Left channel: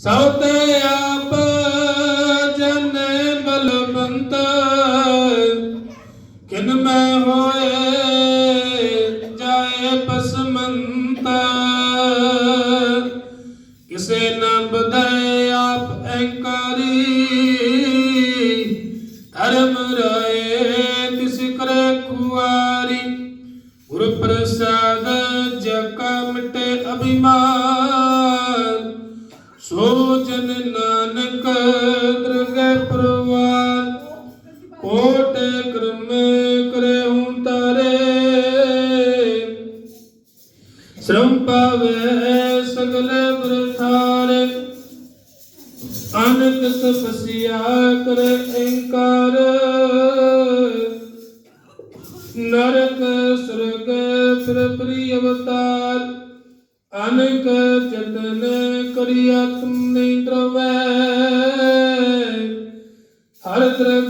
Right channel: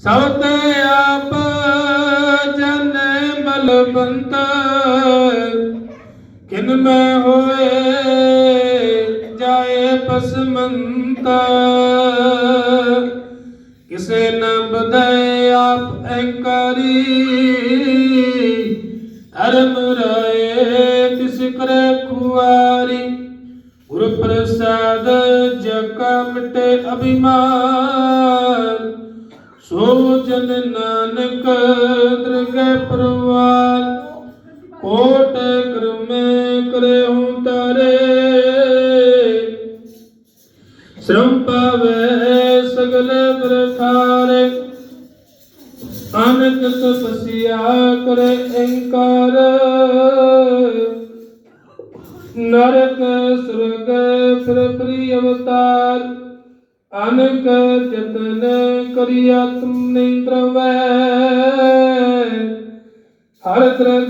ਸਤ ਆਪ ਜਨ ਬਲਵੰਤ ਕਿਨ ਮੈਂ ਹੋਏ ਜਾਏ ਪਸਮੰਤ ਕਿਸੇ ਨ ਬਦੈ ਆਪ ਐੰਕਾਰੀ, ਧਰਮ ਰਾਏ ਤਿਸ ਕਰੇ ਖੁਆਰੀ। ਗੁਰ ਪ੍ਰਸਾਦ ਜਗ ਕਾ ਮਿਟੇ ਅਭਿਮਾਨ। ਸੋ ਜਨ ਨਾਨਕ ਦਰਗਹਿ ਪ੍ਰਵਾਨ ਕੋਟ ਕਰਮ ਕਰੇ ਹੂੰ ਤਾਰੇ ਸ਼ਰਮ ਪਾਵੇ ਸਗਲ ਬਰਥਾਰੇ ਆਨੰਦ ਤਪਸਿਆ ਕਰੇ ਅਹੰਕਾਰ ਨਰਕ ਸੁਰਗ ਫਿਰ ਅਵਤਾਰ, ਅਨਕ ਜਤਨ ਕਰਿਆ ਤੁਮ ਨਹੀਂ ਪ੍ਰਵੈ ਹਰ ਤਰ੍ਹਾਂ